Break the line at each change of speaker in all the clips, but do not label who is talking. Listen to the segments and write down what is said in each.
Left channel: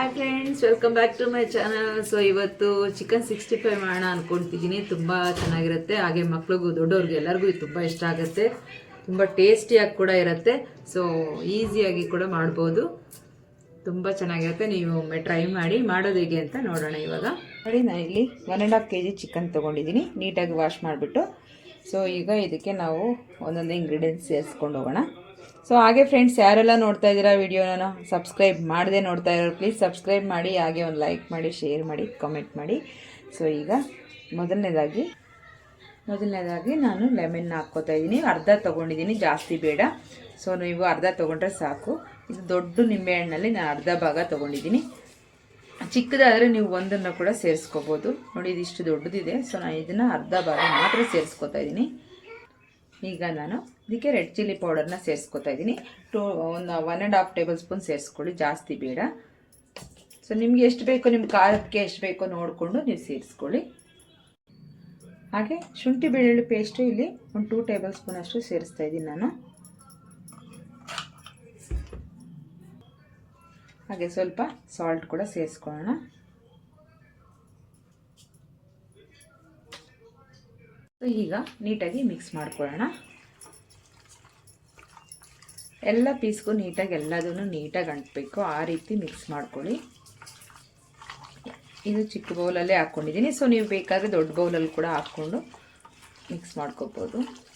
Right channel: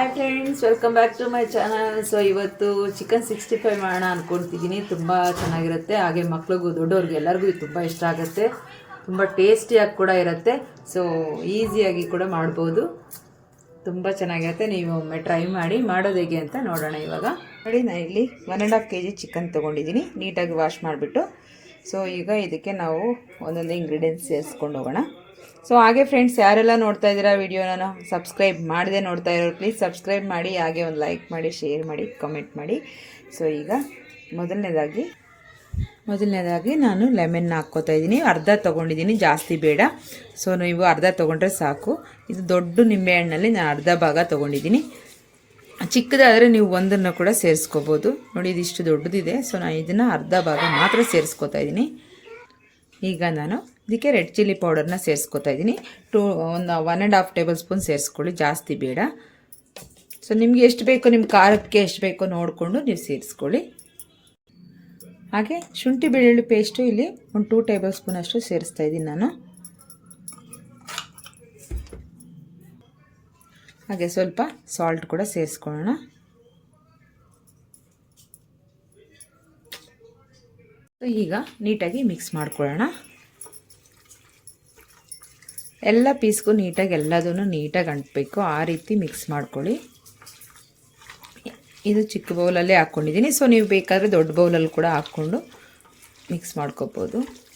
Hi friends welcome back to my channel so ಇವತ್ತು chicken sixty five ಮಾಡೋಣ ಅಂದ್ಕೊಳ್ತಿದ್ದೀನಿ ತುಂಬ ಚೆನ್ನಾಗಿರುತ್ತೆ. ಹಾಗೆ ಮಕ್ಳಿಗೂ, ದೊಡ್ಡವ್ರಿಗೆ ಎಲ್ಲರಿಗೂ ಇದು ತುಂಬ ಇಷ್ಟ ಆಗುತ್ತೆ. ತುಂಬ ಟೇಸ್ಟಿಯಾಗಿ ಕೂಡ ಇರುತ್ತೆ. ಸೊ ಈಸಿಯಾಗಿ ಕೂಡ ಮಾಡ್ಬೋದು. ತುಂಬ ಚೆನ್ನಾಗಿರುತ್ತೆ. ನೀವು ಒಮ್ಮೆ ಟ್ರೈ ಮಾಡಿ. ಮಾಡೋದು ಹೇಗೆ ಅಂತ ನೋಡೋಣ ಇವಾಗ. ನೋಡಿ ನಾನು ಇಲ್ಲಿ one and half K G chicken ತೊಗೊಂಡಿದ್ದೀನಿ. ನೀಟಾಗಿ ವಾಶ್ ಮಾಡಿಬಿಟ್ಟು. ಸೊ ಈಗ ಇದಕ್ಕೆ ನಾವು ಒಂದೊಂದು ಇಂಗ್ರೀಡಿಯೆಂಟ್ಸ್ ಸೇರಿಸ್ಕೊಂಡು ಹೋಗೋಣ. ಸೊ ಹಾಗೆ ಫ್ರೆಂಡ್ಸ್ ಯಾರೆಲ್ಲ ನೋಡ್ತಾ ಇದ್ದೀರಾ ವಿಡಿಯೋನ ಸಬ್ಸ್ಕ್ರೈಬ್ ಮಾಡದೆ ನೋಡ್ತಾ ಇರೋರು ಪ್ಲೀಸ್ ಸಬ್ಸ್ಕ್ರೈಬ್ ಮಾಡಿ, ಹಾಗೆ ಒಂದು ಲೈಕ್ ಮಾಡಿ ಶೇರ್ ಮಾಡಿ ಕಮೆಂಟ್ ಮಾಡಿ. ಸೊ ಈಗ ಮೊದಲನೇದಾಗಿ ಮೊದಲನೇದಾಗಿ ನಾನು ಲೆಮನ್ನ ಹಾಕ್ಕೋತಾ ಇದ್ದೀನಿ. ಅರ್ಧ ತೊಗೊಂಡಿದ್ದೀನಿ, ಜಾಸ್ತಿ ಬೇಡ. ಸೊ ನೀವು ಅರ್ಧ ತೊಗೊಂಡ್ರೆ ಸಾಕು. ಇದು ದೊಡ್ಡ ನಿಂಬೆಹಣ್ಣಲ್ಲಿ ನಾನು ಅರ್ಧ ಭಾಗ ತೊಗೊಂಡಿದ್ದೀನಿ. ಚಿಕ್ಕದಾದರೆ ನೀವು ಒಂದನ್ನು ಕೂಡ ಸೇರಿಸ್ಕೋಬೋದು. ನೋಡಿ, ಇದಿಷ್ಟು ದೊಡ್ಡದಿದೆ. ಸೊ ನಾನು ಇದನ್ನು ಅರ್ಧ ಭಾಗ ಮಾತ್ರ ಸೇರಿಸ್ಕೋತಾ ಇದ್ದೀನಿ. ಈಗ ನಾನು ಇದಕ್ಕೆ ರೆಡ್ ಚಿಲ್ಲಿ ಪೌಡರ್ನ ಸೇರಿಸ್ಕೊತಾ ಇದ್ದೀನಿ. ಟೂ, ಒಂದು one and half tablespoon ಸೇರಿಸ್ಕೊಳ್ಳಿ, ಜಾಸ್ತಿ ಬೇಡ. ಸೊ ನಿಮ್ಗೆ ಎಷ್ಟು ಬೇಕೋ ನಿಮ್ಮ ಖಾರಕ್ಕೆ ಎಷ್ಟು ಬೇಕೋ ನೋಡಿಕೊಂಡು ನೀವು ಸೇರಿಸ್ಕೊಳ್ಳಿ. ಹಾಗೆ ಶುಂಠಿ ಬೆಳ್ಳುಳ್ಳಿ ಪೇಸ್ಟು ಇಲ್ಲಿ ಒಂದು ಟೂ ಟೇಬಲ್ ಸ್ಪೂನ್ ಅಷ್ಟು ಸೇರಿಸ್ತಾ ಇದ್ದೀನಿ ನಾನು. ಹಾಗೆ ಸ್ವಲ್ಪ ಸಾಲ್ಟ್ ಕೂಡ ಸೇರಿಸ್ಕೊಳ್ಳೋಣ. ಈಗ ನೀಟಾಗಿ ಮಿಕ್ಸ್ ಮಾಡ್ಕೊಳ್ಳೋಣ. ಎಲ್ಲ ಪೀಸ್ಗೂ ನೀಟಾಗಿ ಎಲ್ಲದನ್ನು ನೀಟಾಗಿ ಅಂಟಬೇಕು. ಆ ರೀತಿ ಮಿಕ್ಸ್ ಮಾಡ್ಕೊಳ್ಳಿ. ಇದು ಚಿಕ್ಕ ಬೌಲಲ್ಲೇ ಹಾಕ್ಕೊಂಡಿದ್ದೀನಿ. ಸೊ ನೀವು ಬೇಕಾದರೆ ದೊಡ್ಡ ಬೌಲಲ್ಲಿ ಕೂಡ ಹಾಕ್ಕೊಂಡು ಮಿಕ್ಸ್ ಮಾಡ್ಕೋಬೋದು.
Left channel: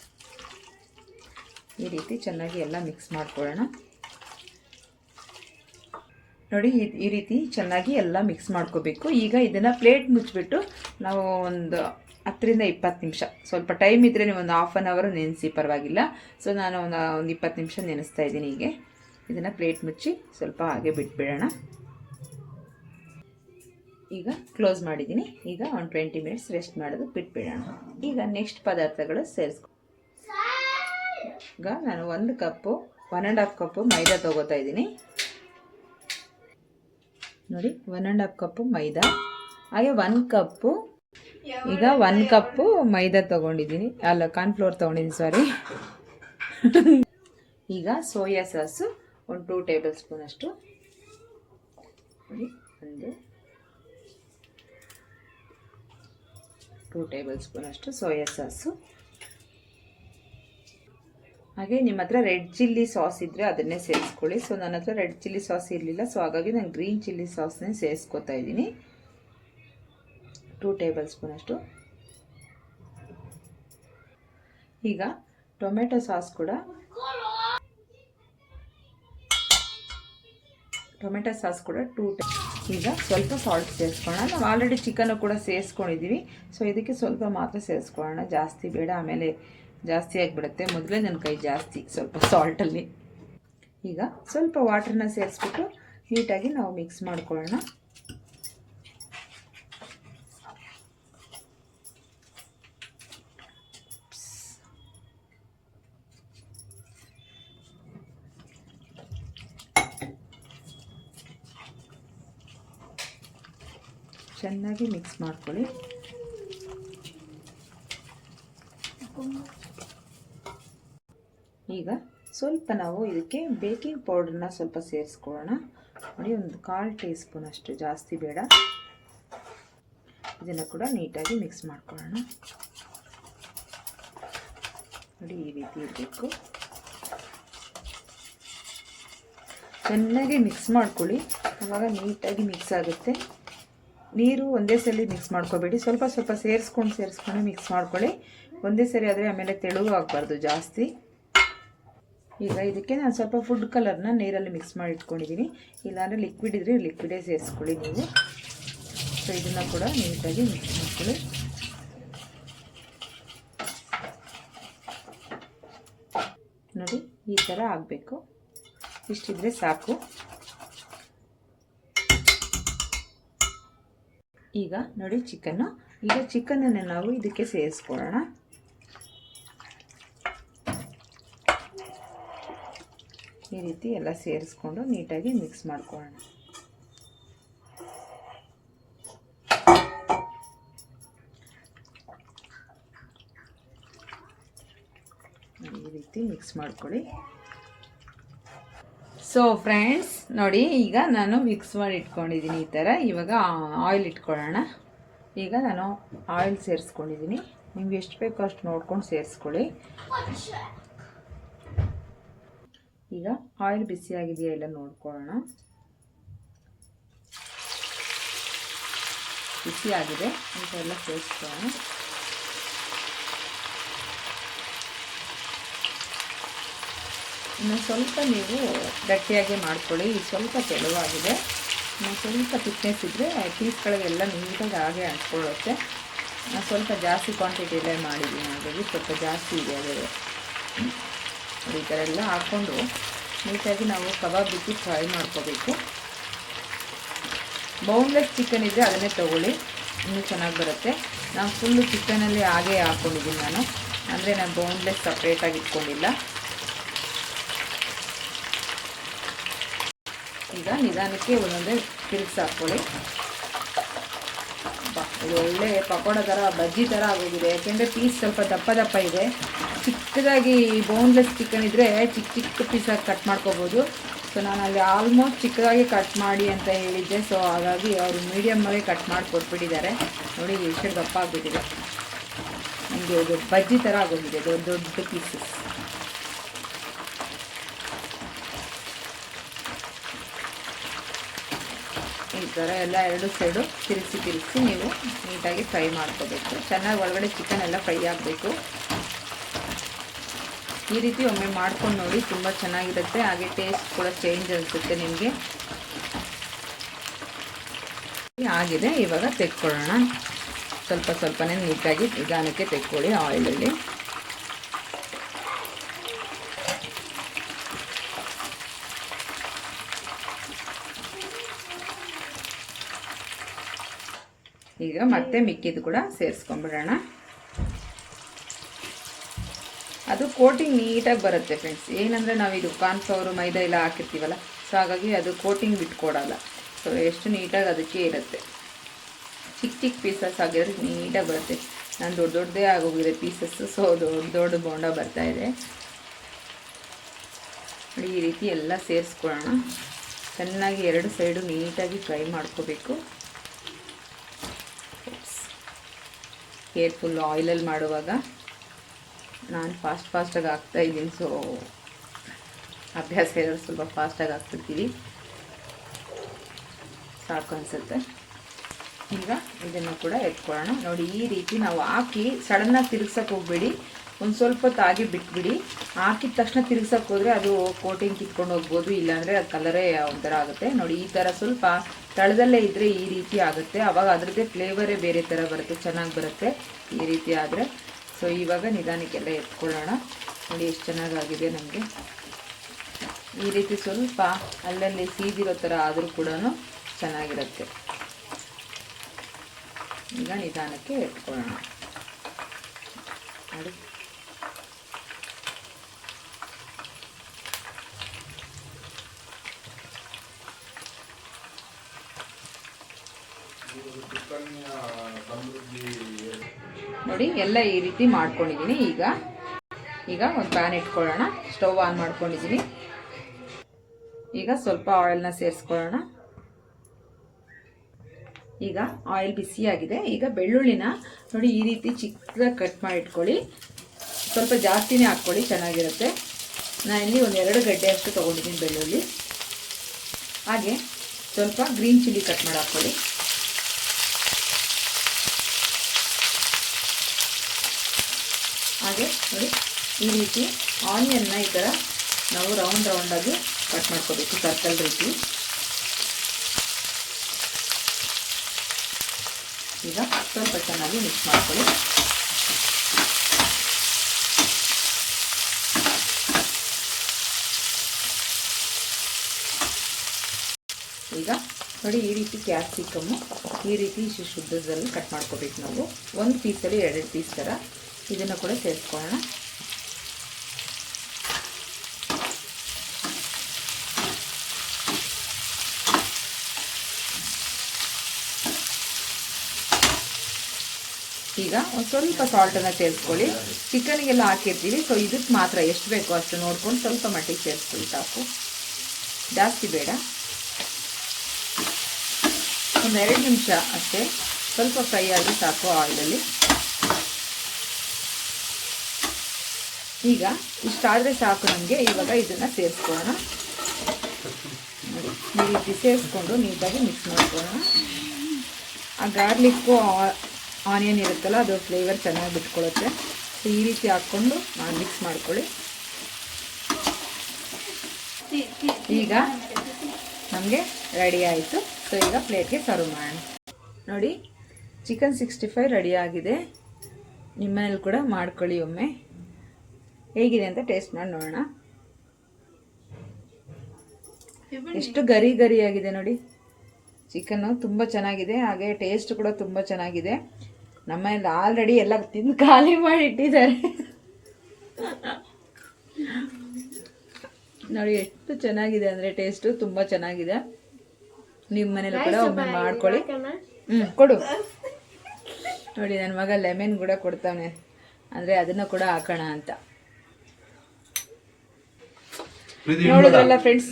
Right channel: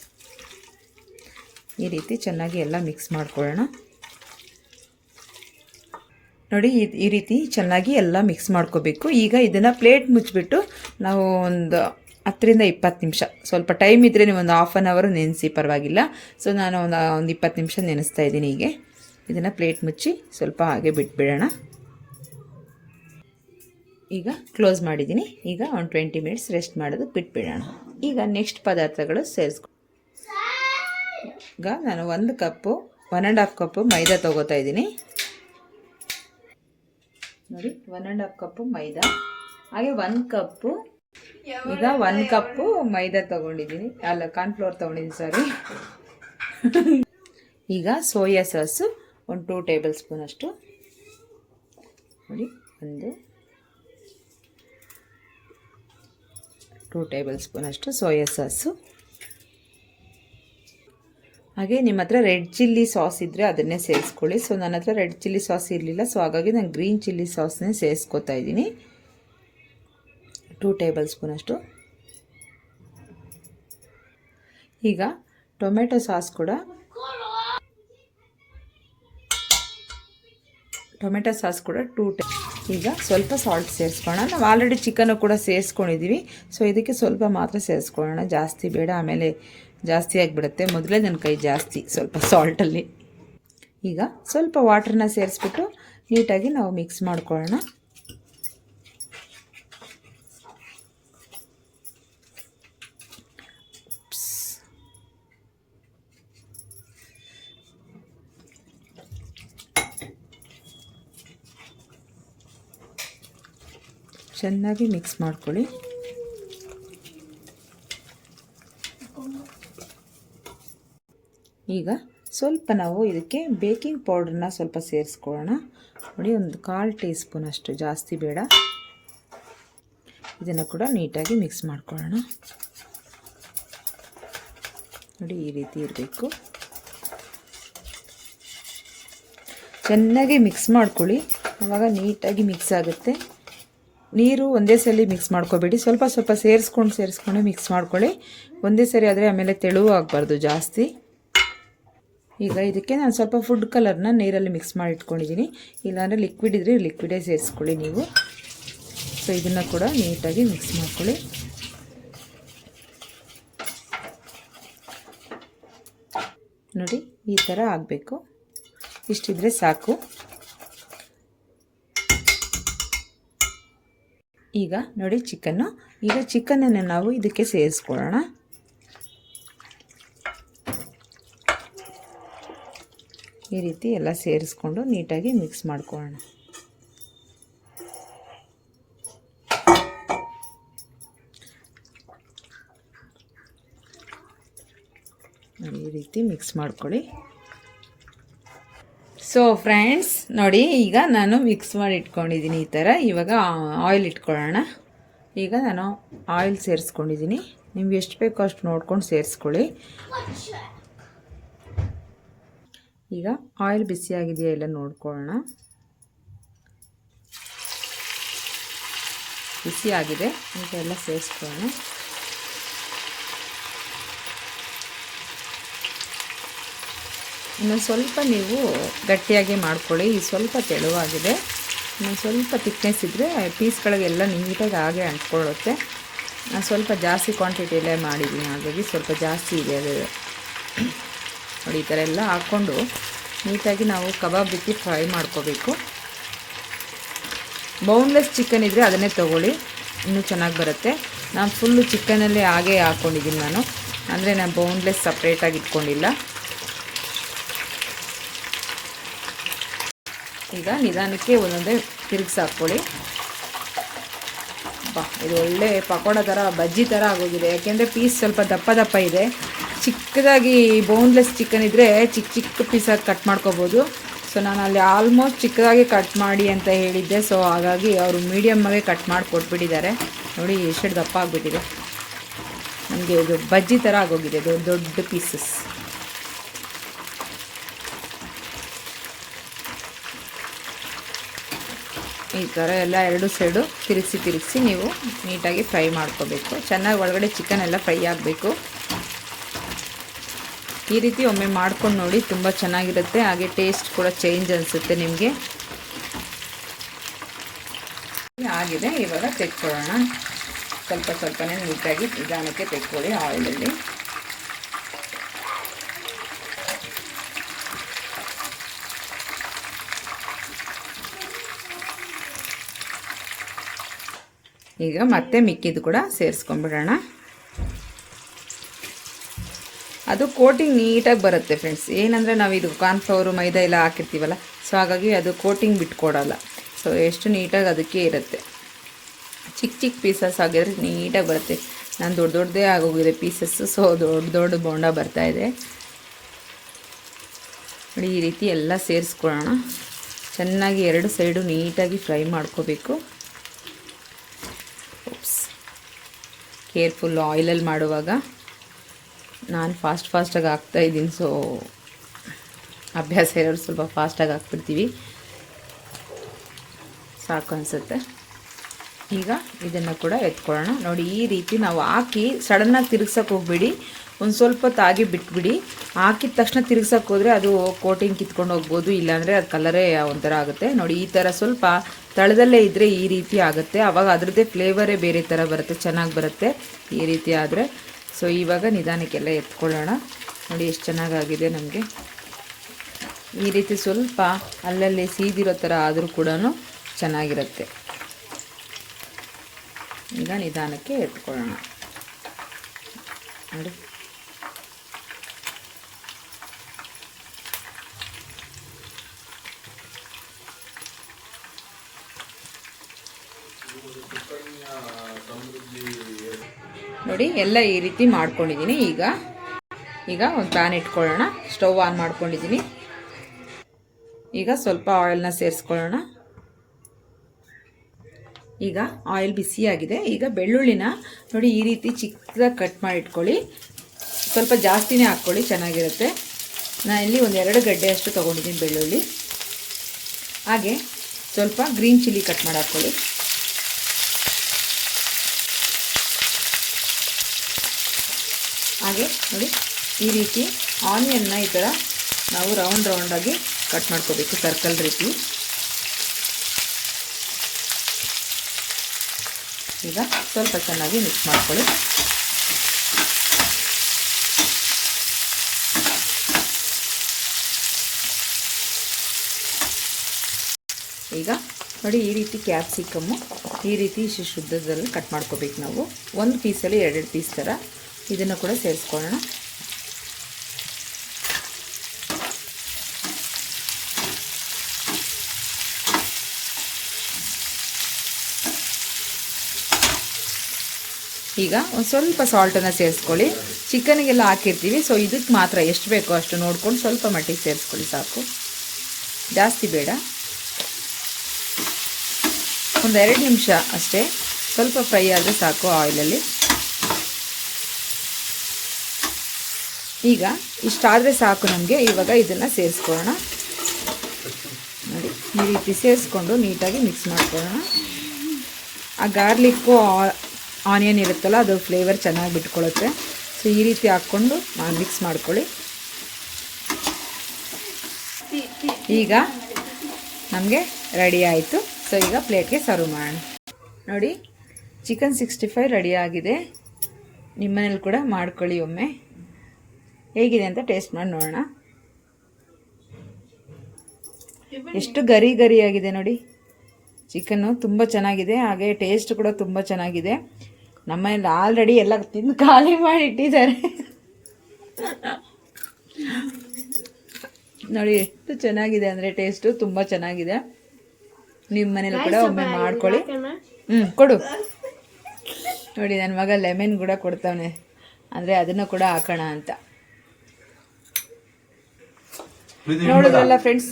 ಈ ರೀತಿ ಚೆನ್ನಾಗಿ ಎಲ್ಲ ಮಿಕ್ಸ್ ಮಾಡ್ಕೊಳ್ಳೋಣ. ನೋಡಿ, ಈ- ಈ ರೀತಿ ಚೆನ್ನಾಗಿ ಎಲ್ಲ ಮಿಕ್ಸ್ ಮಾಡ್ಕೋಬೇಕು. ಈಗ ಇದನ್ನು ಪ್ಲೇಟ್ ಮುಚ್ಚಿಬಿಟ್ಟು ನಾವು ಒಂದು ಹತ್ತರಿಂದ ಇಪ್ಪತ್ತು ನಿಮಿಷ. ಸ್ವಲ್ಪ ಟೈಮ್ ಇದ್ದರೆ ನೀವು ಒಂದು ಹಾಫ್ ಆನ್ ಅವರು ನೆನೆಸಿ, ಪರವಾಗಿಲ್ಲ. ಸೊ ನಾನು ಒಂದು ಒಂದು ಇಪ್ಪತ್ತು ನಿಮಿಷ ನೆನೆಸ್ತಾ ಇದ್ದೀನಿ ಹೀಗೆ. ಇದನ್ನು ಪ್ಲೇಟ್ ಮುಚ್ಚಿ ಸ್ವಲ್ಪ ಹಾಗೆ ಬಿಟ್ಬಿಡೋಣ. ಈಗ ಕ್ಲೋಸ್ ಮಾಡಿದ್ದೀನಿ. ಈಗ ಒಂದು ಟ್ವೆಂಟಿ ಮಿನಿಟ್ಸ್ ರೆಸ್ಟ್ ಮಾಡೋದು ಬಿಟ್ಬಿಡೋಣ. ಈಗ ನೆಕ್ಸ್ಟ್ ಪದಾರ್ಥಗಳು ಸೇರಿಸ್ಕೊ ಈಗ ನಾನು ಒಂದು cup one and half cup maida ತೊಗೋತಾ ಇದ್ದೀನಿ. ನೋಡಿ one and half cup maida. ಹಾಗೆ ಒಂದು ಕಪ್ಪು ಈಗ ಒಂದು ಕಪ್ಪು ಮೈದಾ ತೊಗೊಂಡಿದ್ದೀನಿ. ಅಲ್ಲ ಕಾರ್ನ್ಫ್ಲೋರ್ ತೊಗೊಂಡಿದ್ದೀನಿ ಸಾರಿ ಈಗ ಸೋಯಾ ಸಾಸು ಒಂದು ಟೂ ಟೇಬಲ್ ಸ್ಪೂನ್ ಅಷ್ಟು. ನೋಡಿ ಒಂದು. ಟೂ ಟೇಬಲ್ ಸ್ಪೂನ್ ಅಷ್ಟು ಸೋಯಾ ಸಾಸು. ಹಾಗೆ ನಿಮ್ಮ ಹತ್ರ ರೆಡ್ ಚಿಲ್ಲಿ ಸಾಸ್ ಇದ್ದರೆ ಅದನ್ನೇ ಸೇರಿಸ್ಕೊಳ್ಳಿ. ಸೊ ನನ್ನ ಹತ್ರ ರೆಡ್ ಚಿಲ್ಲಿ ಸಾಸ್ ಇರಲಿಲ್ಲ. ಸೊ ಹಾಗಾಗಿ ನಾನು ಗ್ರೀನ್ ಚಿಲ್ಲಿ ಸಾಸ್ನೇ ಸೇರಿಸ್ಕೊತಾ ಇದ್ದೀನಿ. ಟೂ ಟೇಬಲ್ ಸ್ಪೂನಷ್ಟು ಈಗ ಟೊಮೆಟೊ ಸಾಸ್ ಕೂಡ. ಟೊಮೆಟೊ ಸಾಸ್ ಕೂಡ ಟೂ ಟೇ ಈಗ ಸ್ವಲ್ಪ ಸಾಲ್ಟ್ ಸೇರಿಸ್ಕೊಳ್ಳೋಣ. ನಾವು ಆಲ್ರೆಡಿ ಚಿಕನ್ನು ಕೂಡ ಸೇರಿಸ್ಕೊಂಡಿದ್ದೀವಿ ಸೊ ಇದಕ್ಕೆ ಸ್ವಲ್ಪ ಮಾತ್ರ ಸೇರಿಸ್ಕೊಳ್ಳೋಣ. ಜಾಸ್ತಿ ಬೇಡ. ಆಮೇಲೆ ಜಾಸ್ತಿ ಆಗಿಬಿಡುತ್ತೆ. ಮೊದಲೇ ನನ್ನ ಕೈ ಜಾಸ್ತಿ. ಸ್ವಲ್ಪ ಸಾಲ್ಟಲ್ಲಿ ಈಗ ಸ್ವಲ್ಪ ವಾಟ್ರನ್ನ ಸೇರಿಸ್ಬಿಟ್ಟು ನೀಟಾಗಿ ನಾವು ಮಿಕ್ಸ್ ಮಾಡ್ಕೊಳ್ಳೋಣ. ಚೆನ್ನಾಗಿ ಮಿಕ್ಸ್ ಮಾಡ್ಕೊಳ್ಳಿ. ಈಗ ಸ್ವಲ್ಪ ನಾವು ಇದಕ್ಕೆ ಬೇಕಿಂಗ್ ಪೌಡ್ರನ್ನ ಸ್ವಲ್ಪ ಸೇರಿಸ್ಕೊಳ್ಳೋಣ. ನೋಡಿ, ಒಂದು ಕಾಲು ಟೀ ಸ್ಪೂನ್ ಅಷ್ಟು ಜಾಸ್ತಿ ಬೇಡ. ಇದನ್ನು ಕೂಡ ನೀಟಾಗಿ ಮಿಕ್ಸ್ ಮಾಡ್ಕೊಳ್ಳೋಣ. ನೋಡಿ, ಈ ರೀತಿ ಇರಬೇಕು. ಚೆನ್ನಾಗಿ ಮಿಕ್ಸ್ ಮಾಡ್ಕೊಳ್ಳಿ. ಆವಾಗ ನೀಟಾಗಿ ಮಿಕ್ಸ್ ಆಗುತ್ತೆ. ನೀರು ಒಂದೇ ಸಲ ಮಿಕ್ಸ್ ಮಾಡ್ಕೋಬೇಡಿ. ಸ್ವಲ್ಪ ಸ್ವಲ್ಪ ಸೇರಿಸ್ಕೊಂಡು ಸೇರಿಸ್ಕೊಂಡು ಮಿಕ್ಸ್ ಮಾಡ್ಕೊಳ್ಳಿ. ಒಂದೇ ಸರಿ ಆದರೆ ಆಮೇಲೆ ತೆಳುವು ಆಗಬಾರ್ದು ಜಾಸ್ತಿ. ಈಗ ಇದಕ್ಕೆ ನಾನು ಸ್ವಲ್ಪ ಫುಡ್ ಕಲರ್ನ ನೀರಲ್ಲಿ ಮಿಕ್ಸ್ ಮಾಡಿ ಇಟ್ಕೊಂಡಿದ್ದೀನಿ. ಇಲ್ಲಾಂದರೆ ಲಿಕ್ವಿಡ್ ಇದ್ದರೆ ಲಿಕ್ವಿಡೇ ಸೇರಿಸ್ಕೊಳ್ಳಿ ನೀವು. ಸೊ ಇದನ್ನು ಕೂಡ ನೀಟಾಗಿ ಮಿಕ್ಸ್ ಮಾಡ್ಕೊಳ್ಳಿ. ನೋಡಿ, ಈ ಥರ ಆಗಬೇಕು. ಇಷ್ಟಿದ್ರೆ ಸಾಕು. ಈಗ ನೋಡಿ ಚಿಕನ್ನು. ಈಗ ಚಿಕನನ್ನು ನಾವು ಇದಕ್ಕೆ ಸೇರಿಸ್ಕೊಳ್ಳೋಣ. ಈ ರೀತಿ ಎಲ್ಲ ಸೇರಿಸ್ಕೊಂಡು ನೀಟಾಗಿ ಮಿಕ್ಸ್ ಮಾಡ್ಕೊಳ್ಳೋಣ. ಈ ರೀತಿ ಮಿಕ್ಸ್ ಮಾಡ್ಕೊಳ್ಳಿ. ಸೊ ಫ್ರೆಂಡ್ಸ್ ನೋಡಿ, ಈಗ ನಾನು ಮಿಕ್ಸ್ ಮಾಡಿ ಇಟ್ಕೊಂಡಿದ್ದೀನಿ ಈ ಥರ. ಇವಾಗ ಆಯಿಲ್ ಇಟ್ಕೊಳ್ಳೋಣ. ಈಗ ನಾನು ಆಯಿಲ್ ಸೇರಿಸ್ಕೊಂಡಿದ್ದೀನಿ. ನಿಮ್ಗೆ ಎಷ್ಟು ಬೇಕೋ ಅಷ್ಟು ನೋಡ್ಕೊಂಡು ಸೇರಿಸ್ಕೊಳ್ಳಿ. ಈಗ ಆಯಿಲ್ ಬಿಸಿಯಾಗಿದೆಯಾ ಇಲ್ಲ ನೋಡ್ಕೊಳ್ಳೋಣ. ಬಿಸಿ ಆಗಿದೆ. ಈಗ ಎಲ್ಲ ಸೇರಿಸ್ಕೊಳ್ಳೋಣ. ಇನ್ನು ಸ್ವಲ್ಪ ನೀವು ಗಟ್ಟಿಯಾಗಿ ಮಾಡ್ಕೊಳ್ಳಿ. ಈ ಸ್ವಲ್ಪ ತೆಳುವಾಗಿದೆ. ಇನ್ನು ಸ್ವಲ್ಪ ತಿಕ್ನೆಸ್ ಇದ್ದರೆ ಪೀಸ್ಗಳಿಗೆಲ್ಲ ನೀಟಾಗಿ ಹಾಗೆ ಅಂಟ್ಕೊಳ್ಳುತ್ತೆ. ನಾನು ಸ್ವಲ್ಪ ಜಾಸ್ತಿ ಕ್ವಾಂಟಿಟಿಯಲ್ಲೇ ಮಾಡಿದ್ದೀನಿ ಹಾಗಾಗಿ ಸ್ವಲ್ಪ ಜಾಸ್ತಿ ಇದೆ ಅದು. ನೋಡಿ, ಈ ಥರ ಎಲ್ಲ ಹಾಕ್ಕೊಂಡು ನೀಟಾಗಿ ನಾವು ಕಬಾಬ್ ಬಿಕ್ಕಿ ಫ್ರೈ ಮಾಡ್ಕೋಬೇಕು. ಬೌನ್ಲೆಸ್ ಚಿಕನ್ ಇದ್ದರೆ ಅದನ್ನೇ ತೊಗೊಳ್ಳಿ. ಇನ್ನೂ ಚೆನ್ನಾಗಿ ಬರುತ್ತೆ. ನಾನು ಫುಲ್ಲು ಚಿಕನಲ್ಲಿ ಹಾಗೆ ಹಾಕ್ಕೊಂಡಿದ್ದೀನಿ ನಾನು. ಅಂದರೆ ನಾನು ಬೌನ್ಲೆಸ್ ಸಪ್ರೇಟಾಗಿ ಇಟ್ಕೊಂಡಿಲ್ಲ. ಈಗ ನಿಧಾನಕ್ಕೆ ಒಂದೊಂದೇ ತಿರುಗಿಸಿ ಹಾಕ್ಕೊಳ್ಳಿ. ಇದು ಒಳ್ಳೆ ಪಕೋಡ ಥರ, ಬಜ್ಜಿ ಥರ ಆಗೋಗಿದೆ. ಯಾಕೆಂದರೆ ಪೀಸ್ ಸ್ವಲ್ಪ ದಪ್ಪ ದಪ್ಪ ಇದೆ. ಚಿಕ್ಕದಾಗಿ ಬೋನ್ಲೆಸ್ ಚಿಕನ್ ಇದ್ದರೆ ಚಿಕ್ಕ ಚಿಕ್ಕ ಪೀಸಾಗಿ ಕಟ್ ಮಾಡ್ಕೋಬೋದು. ಸೊ ನಾನು ಅಲ್ಲಿ ಆಲ್ಮೋಸ್ಟ್ ಚಿಕ್ಕದಾಗಿ ಕಟ್ ಮಾಡಿ ಅಂತ ಹೇಳಿದ್ದೆ. ಸೊ ಹಾಗಾಗಿ ಅವರು ಮೀಡಿಯಮ್ಮಾಗೆ ಕಟ್ ಮಾಡಿ ಕೊಟ್ಬಿಟ್ಟಿದ್ದಾರೆ. ನೋಡಿ ಎಷ್ಟು ದಪ್ಪ ಆಗಿಬಿಟ್ಟಿದೆ. ನಿಮಗೆ ಇದು ಬಜ್ಜಿ ಥರ ಆಗೋಗಿದೆ, ದೊಡ್ಡ ದೊಡ್ಡ ಪೀಸಸ್ ಈ ಎಲ್ಲ ಎರಡು ಸೈಡು ತಿರುಗಿಸಿ ತಿರುಗಿಸಿ ನೀವು ನೀಟಾಗಿ ಫ್ರೈ ಮಾಡ್ಕೋಬೇಕು. ಚೆನ್ನಾಗಿ ಒಳಗಡೆ ಚಿಕನ್ ಎಲ್ಲ ಫ್ರೈ ಆಗಬೇಕು. ಈ ರೀತಿ ಒಮ್ಮೆ ಮಾಡ್ಕೊಂಡು ನೋಡಿ ತುಂಬ ಚೆನ್ನಾಗಿರುತ್ತೆ. ಹಾಗೆ ಟೇಸ್ಟ್ ಕೂಡ ಚೇಂಜ್ ಅನಿಸುತ್ತೆ ನಿಮಗೆ. ಆಗಿದೆ. ಇವಾಗ ತೆಕ್ಕೊಳ್ಳೋಣ. ಸ್ವಲ್ಪ ಸ್ವಲ್ಪನೇ ನೀಟಾಗಿ ನಿಧಾನಕ್ಕೆ ತೆಕ್ಕೊಳ್ಳಿ ಆಯಿಲಲ್ಲಿ ಈಗ ಮತ್ತೆ ಮಿಕ್ಕಿದ್ದು ಕೂಡ ಸೇರಿಸ್ಕೊಂಡ್ಬಿಡೋಣ ಅದು ಕೋಟಿಂಗ್ ನೀಟಾಗಿ ಬರುತ್ತೆ ಫ್ರೆಂಡ್ಸ್. ಏನಂದರೆ ನಾವು ಇದು ಕಾರ್ನ್ಫ್ಲವರು ಮೈದಾ ಎಲ್ಲ ಹಾಕಿರ್ತೀವಲ್ಲ, ಸೊ ಹಾಗಾಗಿ ಅದು ಕೋಟಿಂಗ್ ಬಿಟ್ಕೊಡಲ್ಲ. ಸೊ ಎಷ್ಟು ನೀಟಾಗಿ ಅದಕ್ಕೆ ಇರುತ್ತೆ. ಚಿಕ್ಕ ಚಿಕ್ಕ ಪೀಸಸ್ ಆಗಿದ್ರೆ ನೀಟಾಗಿ ಬರುತ್ತೆ. ನಾನು ದೊಡ್ಡ ದೊಡ್ಡದೇ ಆಗೋಗಿದೆ ಪೀಸಸ್ಸು ಸೊ ದೊಡ್ಡ ದೊಡ್ಡ ಬೋಂಡ ಬರ್ತಾಯಿದೆ ನೋಡಿ ಈ ರೀತಿ ಎಲ್ಲ ಸೇರಿಸ್ಕೊಳ್ಳೋಣ. ಚೆನ್ನಾಗಿ ಎರಡು ಸೈಡು ನೀಟಾಗಿ ಫ್ರೈ ಮಾಡ್ಕೋಬೇಕು. ಕೇರ್ಫುಲ್ ಆಯಿಲಲ್ಲಿ ಮಾಡುವಾಗ ನಾನು ಫಾಸ್ಟ್ ಫಾಸ್ಟಾಗಿ ಹಾಕ್ತಾಯಿದ್ದೀನಿ ಸೊ ಅಭ್ಯಾಸ ಇರೋರು ಸ್ವಲ್ಪ ಫಾಸ್ಟಾಗಿ ಹಾಕ್ಬಿಡ್ತೀವಿ. ಸಾಕು ಅನಿಸುತ್ತೆ. ಈಗ ಇದನ್ನು ಕೂಡ ಎತ್ಕೊಳ್ಳೋಣ. ನೋಡಿ, ಈ ರೀತಿ ನಾವು ಹಾಕಿ ಸಡನ್ನಾಗಿ ತಿರುಗ್ಸಕ್ಕೆ ಹೋಗ್ಬೇಡಿ. ಒಂದು ಸ್ವಲ್ಪ ತಾಗಿ ಬಿಟ್ಬಿಡಿ. ಹಾಕಿದ ತಕ್ಷಣ ತಿರುಗ್ಸಕ್ಕೆ ಹೋದರೆ ಅದು ಕೋಟಿಂಗ್ ಕಿತ್ಕೊಂಡು ಹೋಗ್ಬೋದು, ಇಲ್ಲಾಂದರೆ ಅದು ಕಲರೇ ಒಂಥರ ಆಗುತ್ತೆ. ನೋಡಿ, ಈ ಥರ ಸ್ವಲ್ಪ ತಳದಲ್ಲೇ ಇದ್ದರೆ ಈ ರೀತಿ ಆಗುತ್ತೆ. ಆವಾಗ ಅದರದ್ದೇ ಫ್ಲೇವರೇ ಬೇರೆ ಥರ ಬರುತ್ತೆ, ಚೆನ್ನಾಗಿ ಬರುತ್ತೆ. ಈ ರೀತಿ ಆದರೆ. ಸೊ ಇವಾಗ ನಿಧಾನಕ್ಕೆಲ್ಲ ಎತ್ಕೊಳ್ಳೋಣ. ನೋಡಿ, ಎಷ್ಟು ಚೆನ್ನಾಗಾಗಿದೆ ನಮಗೆ. ಈ ರೀತಿ ಸ್ವಲ್ಪ ಅಲ್ಲಲ್ಲಿ ಸೀದಿರೋ ಥರ ಆದರೂ ಕೂಡ ಚೆನ್ನಾಗಿರುತ್ತೆ. ಈಗ ನಿಧಾನಕ್ಕೆ ಇಟ್ಕೊಳ್ಳೋಣ ನೋಡಿ. ನೋಡಿ, ಎಲ್ಲ ಈ ರೀತಿ ಮಾಡ್ಕೊಂಡಿದ್ದೀನಿ. ಈಗ ಈಗ ಒಂದು ಪ್ಯಾನ್ ಇಟ್ಕೊಳ್ಳೋಣ. ಸ್ಟವ್ ಆನ್ ಮಾಡ್ಕೊಂಡಿದ್ದೀನಿ. ಈಗ ಸ್ವಲ್ಪ ಆಯಿಲ್ನ ಸೇರಿಸ್ಕೊಳ್ಳೋಣ. ಈಗ ಆಯಿಲ್ ಬಿಸಿಯಾಗಿದೆ ಈಗ ಬೆಳ್ಳುಳ್ಳಿನ ನೋಡಿ ಈ ರೀತಿ ಚಿಕ್ಕದಾಗಿ ಕಟ್ ಮಾಡಿ ಇಟ್ಕೊಳ್ಳಿ ಸ್ವಲ್ಪ ಜಾಸ್ತಿನೇ ಹಾಕ್ಕೊಳ್ಳಿ, ಚೆನ್ನಾಗಿರುತ್ತೆ. ನಾನು ಇಲ್ಲಿ ಒಂದೆರಡು ಗಡ್ಡೆ ಅಷ್ಟು ತೊಗೊಂಡಿದ್ದೀನಿ ಬೆಳ್ಳುಳ್ಳಿ. ಹಾಗೆ ಸ್ವಲ್ಪ ಗ್ರೀನ್ ಚಿಲ್ಲಿ ಕಟ್ ಮಾಡಿ ಹಾಕ್ಕೊಳ್ಳಿ. ಹಾಗೆ ನೋಡಿ ಈ ರೀತಿ ಆನಿಯನ್ನ ಈ ಥರ ನಾವು ರೌಂಡ್ ರೌಂಡಾಗಿ ಕಟ್ ಮಾಡ್ಕೋಬೇಕು ಸರ್ಕಲ್ ರೀತಿ. ಈಗ ಸ್ವಲ್ಪ ಚೆನ್ನಾಗಿ ಮಿಕ್ಸ್ ಮಾಡ್ಕೊಳ್ಳಿ. ಈಗ ನೋಡಿ ಈ ರೀತಿ ಕ್ಯಾಪ್ಸಿಕಮ್ಮು ಈ ರೀತಿ ಇಷ್ಟು ಶುದ್ಧದಲ್ಲಿ ಕಟ್ ಮಾಡ್ಕೋಬೇಕು ನಾವು. ಒಂದು ಪೀಸಲ್ಲಿ ಎರಡೆರಡು ಪೀಸ್ ಥರ ಇದನ್ನು ಕೂಡ ಸೇರಿಸ್ಕೊಳ್ಳೋಣ. ಈಗ ಒಂದು ಸ್ವಲ್ಪ ಸಾಲ್ಟನ್ನು ಸೇರಿಸ್ಕೊಳ್ಳಿ. ಚಿಕನಿಗೆಲ್ಲ ಹಾಕಿರ್ತೀವಿ ಸೊ ಇದಕ್ಕೆ ಮಾತ್ರ ಎಷ್ಟು ಬೇಕೋ ಅಷ್ಟು ನೋಡ್ಕೊಂಡು ಸ್ವಲ್ಪ ಮಟ್ಟಿಗೆ ಸೇರಿಸ್ಕೊಳ್ಳಿ ಸಾಕು. ಜಾಸ್ತಿ ಬೇಡ. ಒಂದು ಎರಡು ನಿಮಿಷ ಅಷ್ಟೇ. ಸ್ವಲ್ಪ ಫ್ರೈ ಆದರೆ ಸಾಕು ಆಯಿಲಲ್ಲಿ. ಈಗ ಇಷ್ಟಾದರೆ ಸಾಕು ನಮಗೆ, ಇವಾಗ ಇದನ್ನು ಸೇರಿಸ್ಕೊಳ್ಳೋಣ. ನೋಡಿ, ಈ ರೀತಿ ಸೇರಿಸ್ಕೊಂಡು ನೀಟಾಗಿ ಮಿಕ್ಸ್ ಮಾಡ್ಕೊಳ್ಳೋಣ. ಆ ಗಾರ್ಲಿಕ್ಕು ಆನಿಯನ್ ಇರುತ್ತಲ್ಲ, ಅದು ಫ್ಲೇವರ್ ಚೆನ್ನಾಗಿ ಬಿಟ್ಕೊಳ್ಳುತ್ತೆ ಸೊ, ಈ ರೀತಿ ಹಾಕ್ಕೊಂಡು ನಾನು ಮಿಕ್ಸ್ ಮಾಡ್ಕೊಳ್ಳಿ. ಈಗ ನಮಗೆ ರೆಡಿ ಆಯಿತು. ಸೊ, ಈಗ ಪ್ಲೇಟ್ಗೆ ಸರ್ವ್ ಮಾಡೋಣ. ನೋಡಿ, ಚಿಕನ್ ಸಿಕ್ಸ್ಟಿ ಫೈವ್ ರೆಡಿ ಆಗಿದೆ. ನಿಮ್ಮನೇಲಿ ಕೂಡ ಮಾಡ್ಕೊಳ್ಳಿ ಒಮ್ಮೆ. ಹೇಗಿದೆ ಅಂತ ಟೇಸ್ಟ್ ಮಾಡಿ ನೋಡೋಣ. ಎಷ್ಟು ಗರಿ ಗರಿಯಾಗಿದೆ ನೋಡಿ. ಚಿಕನ್ನು ತುಂಬ ಚೆನ್ನಾಗಿದೆ, ಹಾಗೆ ಟೇಸ್ಟ್ ಕೂಡ ತುಂಬ ಚೆನ್ನಾಗಿದೆ. ನಮ್ಮನೇಲಿ ಆಲ್ರೆಡಿ ಎಲ್ಲ ತಿಂದು ಖಾಲಿ ಮಾಡಿ ಇಟ್ಟಿದ್ದಾರೆ. ನೋಡಿ ಎಷ್ಟು ಚೆನ್ನಾಗಿದೆ ಅಂದರೆ ಟೇಸ್ಟು ತುಂಬ ಚೆನ್ನಾಗಿದೆ. ನಿಮ್ಮ ಮನೇಲಿ ಕೂಡ ಒಮ್ಮೆ ಮಾಡ್ಕೊಳ್ಳಿ. ಹ್ಞೂ ಕೊಡು. ನೋಡಿ ನನ್ನ ಮಗ ಲೆಮನ್ ಕೂಡ ಕೊಡ್ತಾವನೆ. ಅಂದರೆ ಅದನ್ನು ಕೂಡ ಹಾಕೋಣ ಅಂತ. ನೋಡಿದ್ರಲ್ಲ ಫ್ರೆಂಡ್ಸ್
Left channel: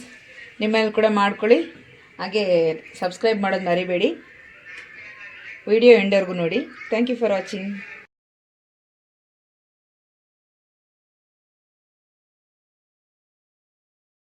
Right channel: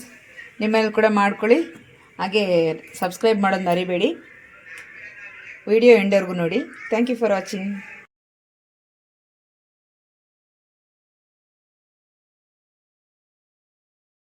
ನಿಮ್ಮಲ್ಲಿ ಕೂಡ ಮಾಡ್ಕೊಳ್ಳಿ. ಹಾಗೆ ಸಬ್ಸ್ಕ್ರೈಬ್ ಮಾಡೋದು ಮರಿಬೇಡಿ. ವಿಡಿಯೋ ಎಂಡರ್ಗೂ ನೋಡಿ. Thank you for watching